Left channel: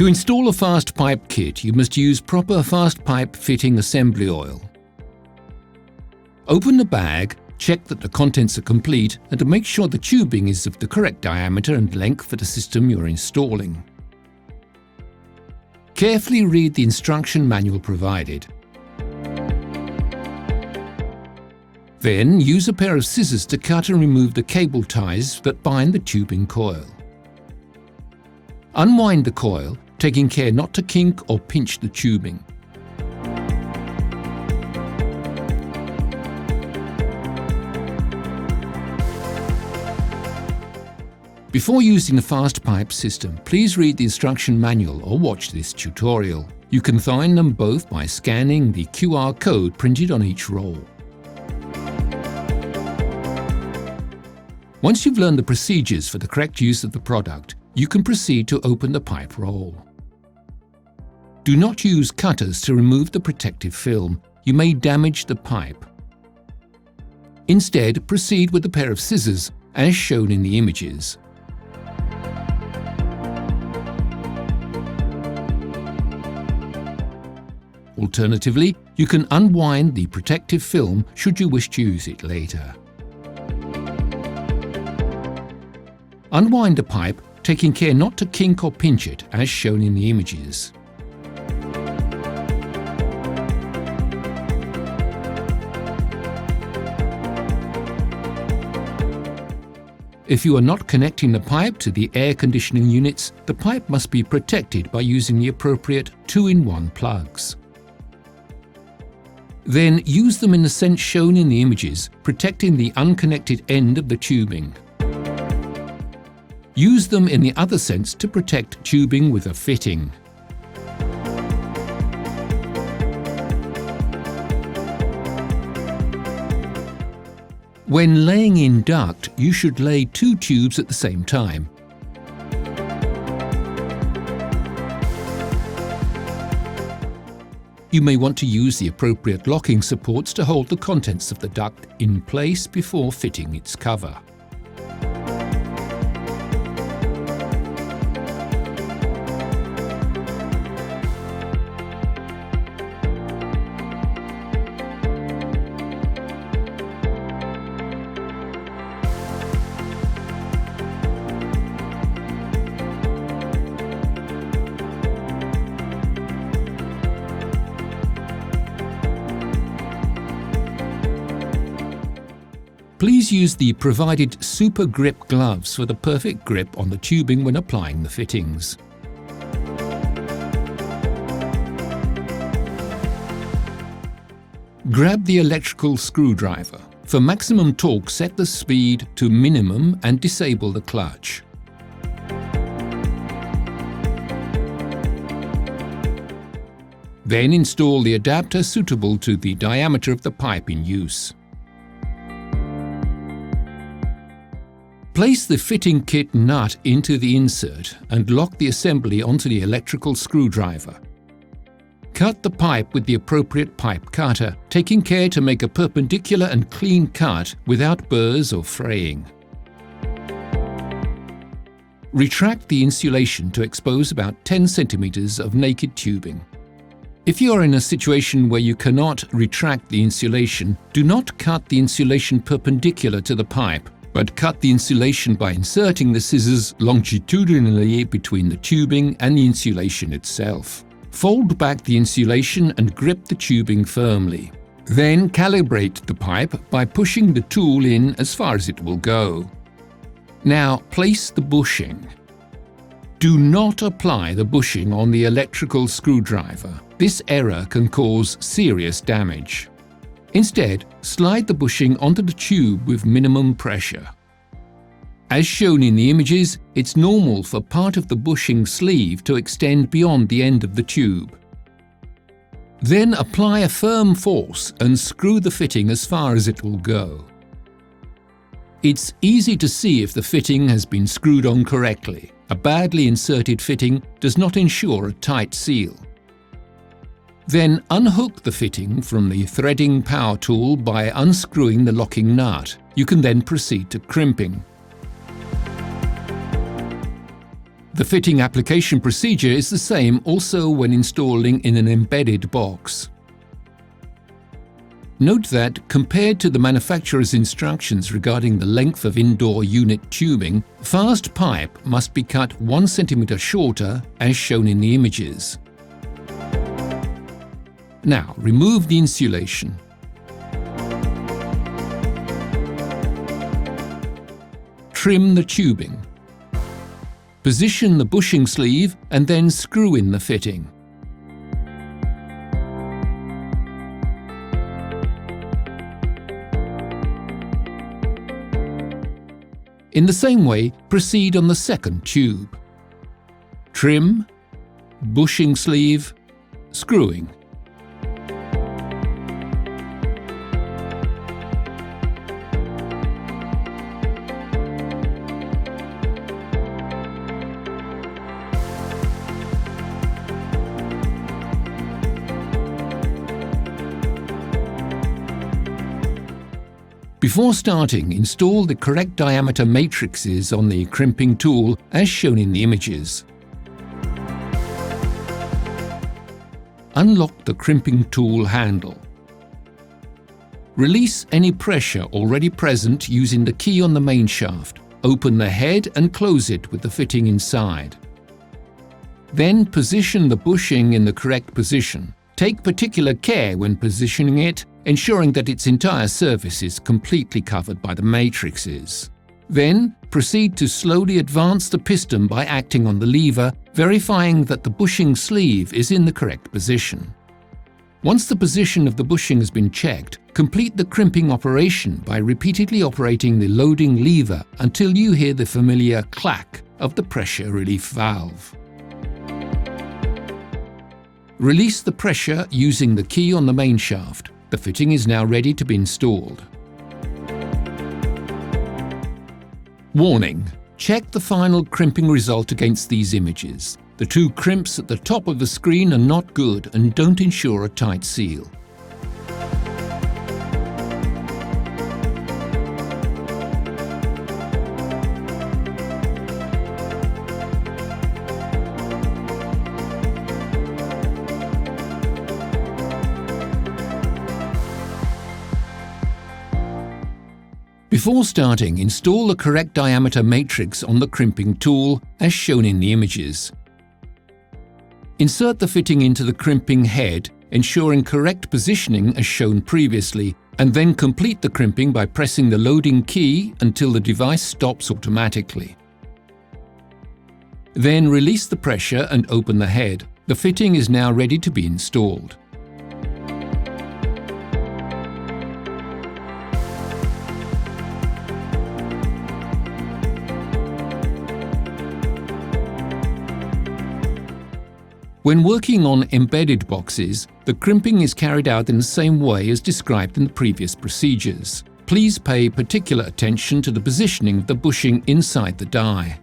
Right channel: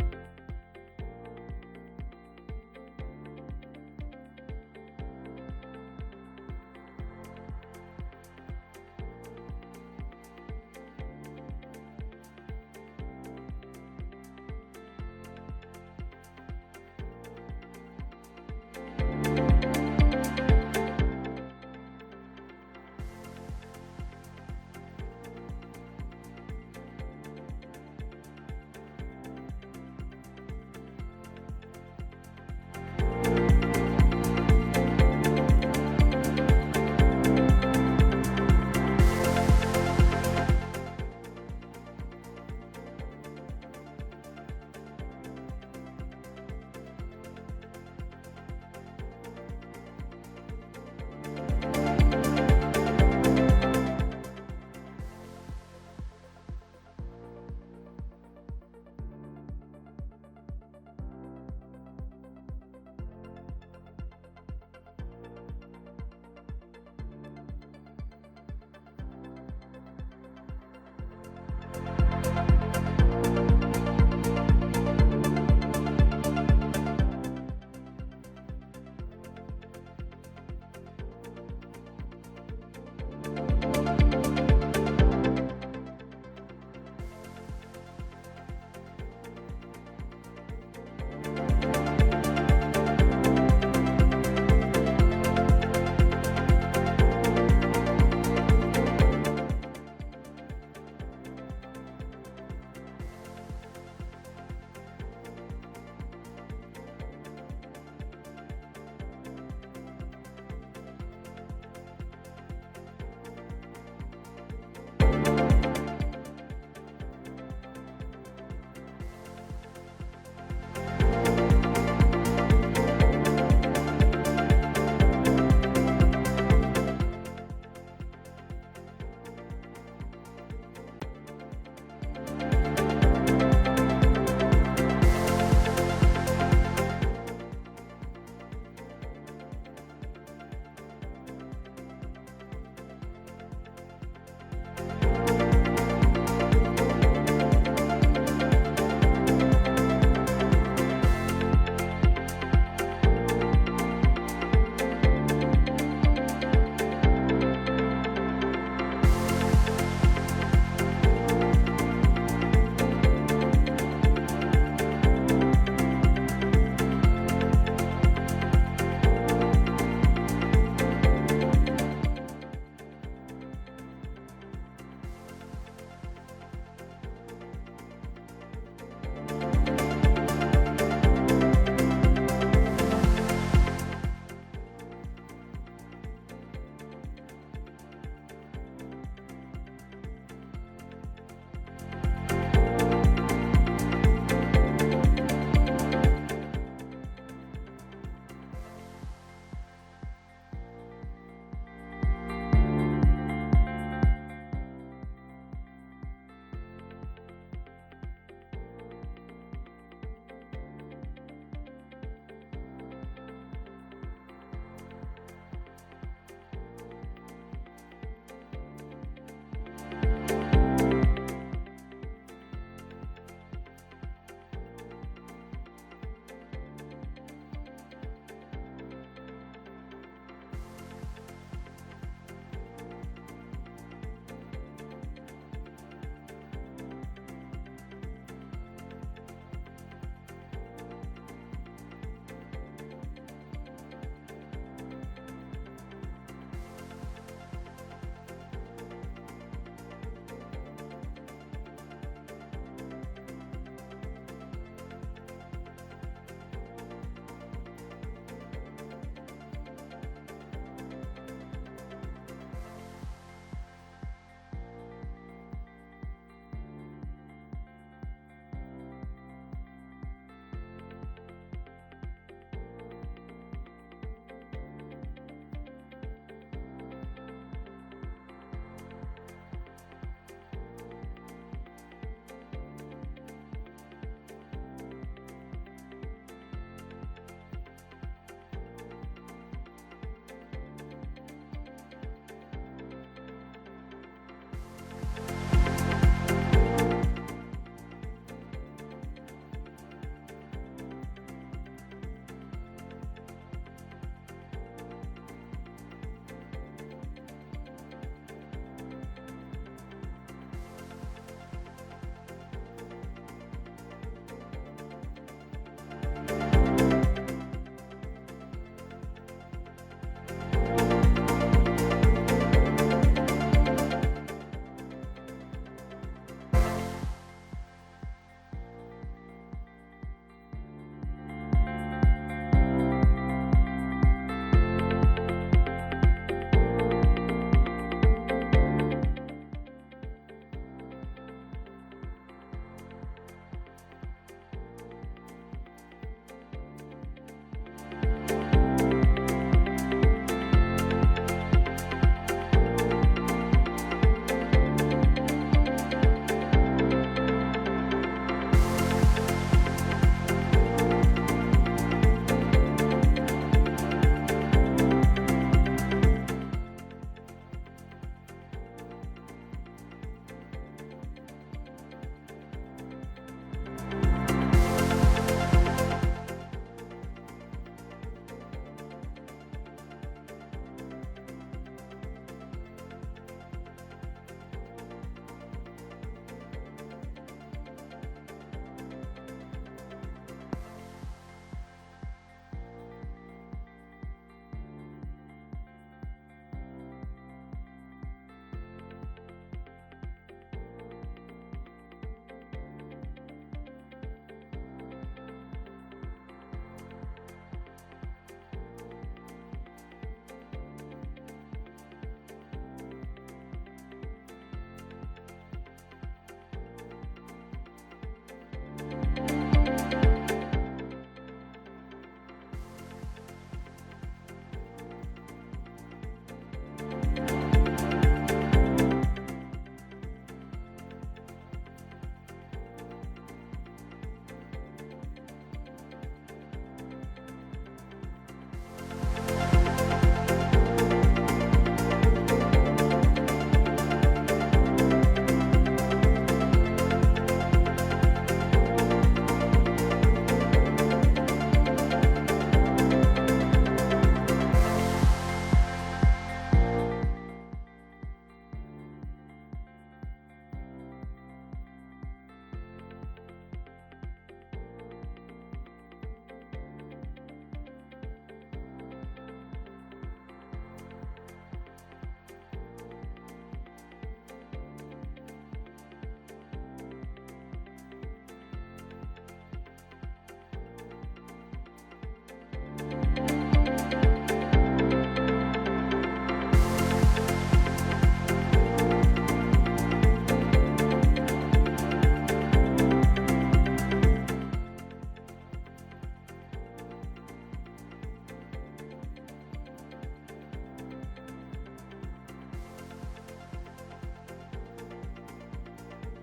To install a FastPipe kit, you must use proper FastPipe fitting assembly oil. Open the bag, check that the contents are complete, and to make sure the tubing is of the correct diameter and length for the system you're installing. Carefully read the instruction manual provided. Then use a pair of scissors to cut and remove the cable ties that bind the tubing coil. Unwind the coil, taking care not to kink or pinch the tubing. Before using the FastPipe system, please read the instruction manual or watch this tutorial. You can find them both by scanning the QR code printed on each roll. Once you've learned the procedures for the correct use of the product, you can proceed to open the pipe roll. Do not use cutters to remove the protective film. You may damage the pipe. Instead, proceed with a pair of scissors, as shown in the images. Alternatively, you can unwind the protective film should you wish to use it later. Unwind the pipe, taking care not to kink or pinch it, as shown in the images. If you are not connecting the pipe to the air conditioning units, the pipe must be protected by using the appropriate 2-in-1 plugs. Then use them in the sense shown in the images, protecting the unconnected end of the tubing. Use them in the other sense to protect tubing with a fitting. When laying in duct, you should lay 2 tubes at the same time. You may want to use the appropriate locking supports to hold the contents of the duct in place before fitting its cover. Please use the provided super grip gloves for the perfect grip on the tubing when applying the fittings. Grab the electrical screwdriver. For maximum torque, set the speed to minimum and disable the clutch. Then install the adapter suitable to the diameter of the pipe in use. Place the fitting kit nut into the insert and lock the assembly onto the electrical screwdriver. Cut the pipe with the appropriate pipe cutter, taking care to make a perpendicular and clean cut without burrs or fraying. Retract the insulation to expose about 10 centimeters of naked tubing. If you are in a situation where you cannot retract the insulation, do not cut the insulation perpendicular to the pipe, but cut the insulation by inserting the scissors longitudinally between the tubing and the insulation itself. Fold back the insulation and grip the tubing firmly. Then calibrate the pipe by pushing the tool in as far as it will go. Now place the bushing. Do not apply the bushing on the electrical screwdriver. This error can cause serious damage. Instead, slide the bushing onto the tube with minimum pressure. As shown in the images, it's normal for part of the bushing sleeve to extend beyond the end of the tube. Then apply a firm force and screw the fitting as far as it will go. It's easy to see if the fitting has been screwed on correctly. A badly inserted fitting does not ensure a tight seal. Then unhook the fitting from the threading power tool by unscrewing the locking nut. You can then proceed to crimping. The fitting application procedure is the same also when installing in an embedded box. Note that, compared to the manufacturer's instructions regarding the length of indoor unit tubing, FastPipe must be cut 1 cm shorter as shown in the images. Now remove the insulation. Trim the tubing. Position the bushing sleeve and then screw in the fitting. In the same way, proceed on the second tube. Trim, bushing sleeve, screwing. Before starting, install the correct diameter matrices on the crimping tool as shown in the images. Unlock the crimping tool handle. Release any pressure already present using the key on the main shaft. Open the head and close it with the fitting inside. Then position the bushing in the correct position. Take particular care when positioning it, ensuring that its entire surface is completely covered by the matrices. Then, proceed to slowly advance the piston by acting on the lever, verifying that the bushing sleeve is in the correct position. Once the position of the bushing has been checked, complete the crimping operation by repeatedly operating the loading lever until you hear the familiar clack of the pressure relief valve. Release the pressure using the key on the main shaft. The fitting is now ready to be installed. Warning: check the final crimping result against these images. The 2 crimps at the top of the screen are not good and don't ensure a tight seal. Before starting, install the correct diameter matrix on the crimping tool as shown in the images. Insert the fitting into the crimping head, ensuring correct positioning as shown previously, and then complete the crimping by pressing the loading key until the device stops automatically. Then release the pressure and open the head. The fitting is now ready to be installed. When working on embedded boxes, the crimping is carried out in the same way as described in the previous procedures. Please pay particular attention to the positioning of the bushing inside the die.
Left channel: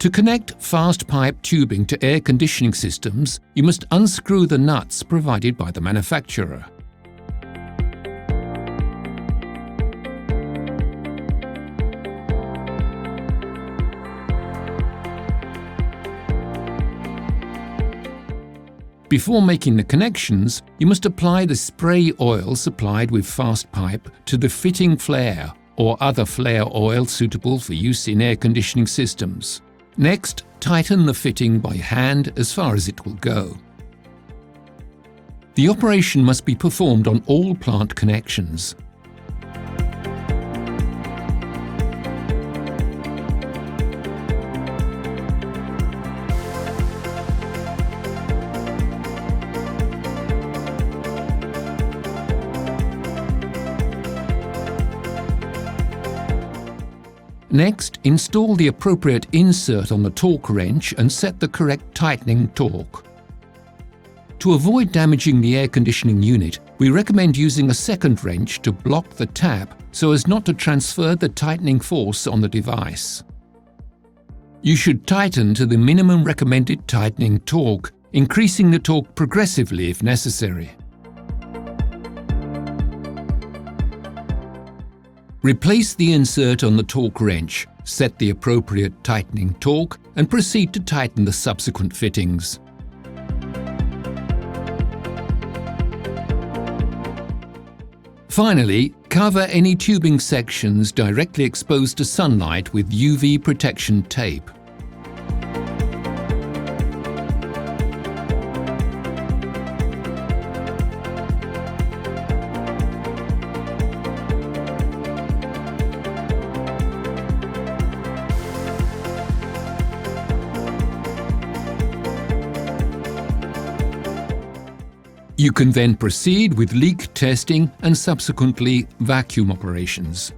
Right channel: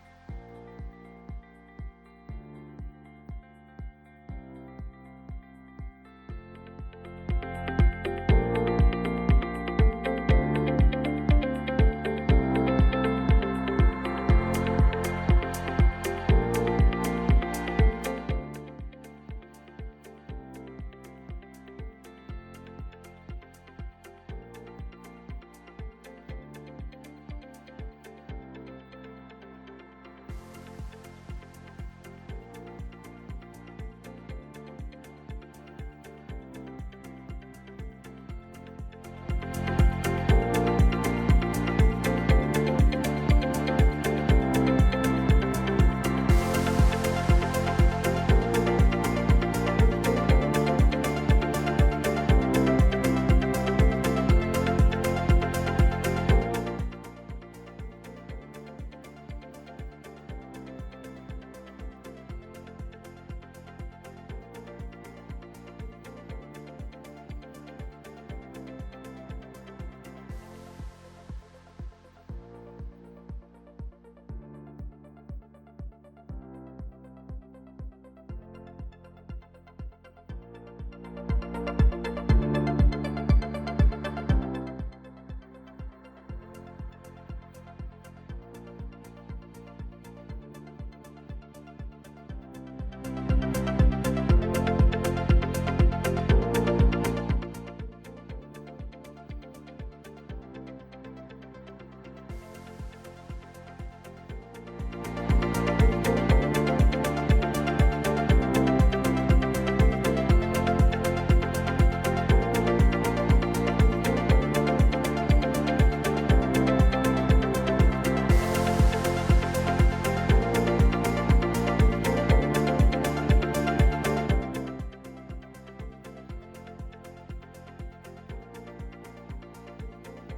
To connect FastPipe tubing to air conditioning systems, you must unscrew the nuts provided by the manufacturer. Before making the connections, you must apply the spray oil supplied with FastPipe to the fitting flare or other flare oil suitable for use in air conditioning systems. Next, tighten the fitting by hand as far as it will go. The operation must be performed on all plant connections. Next, install the appropriate insert on the torque wrench and set the correct tightening torque. To avoid damaging the air conditioning unit, we recommend using a second wrench to block the tap so as not to transfer the tightening force on the device. You should tighten to the minimum recommended tightening torque, increasing the torque progressively if necessary. Replace the insert on the torque wrench, set the appropriate tightening torque, and proceed to tighten the subsequent fittings. Finally, cover any tubing sections directly exposed to sunlight with UV protection tape. You can then proceed with leak testing and subsequently vacuum operations.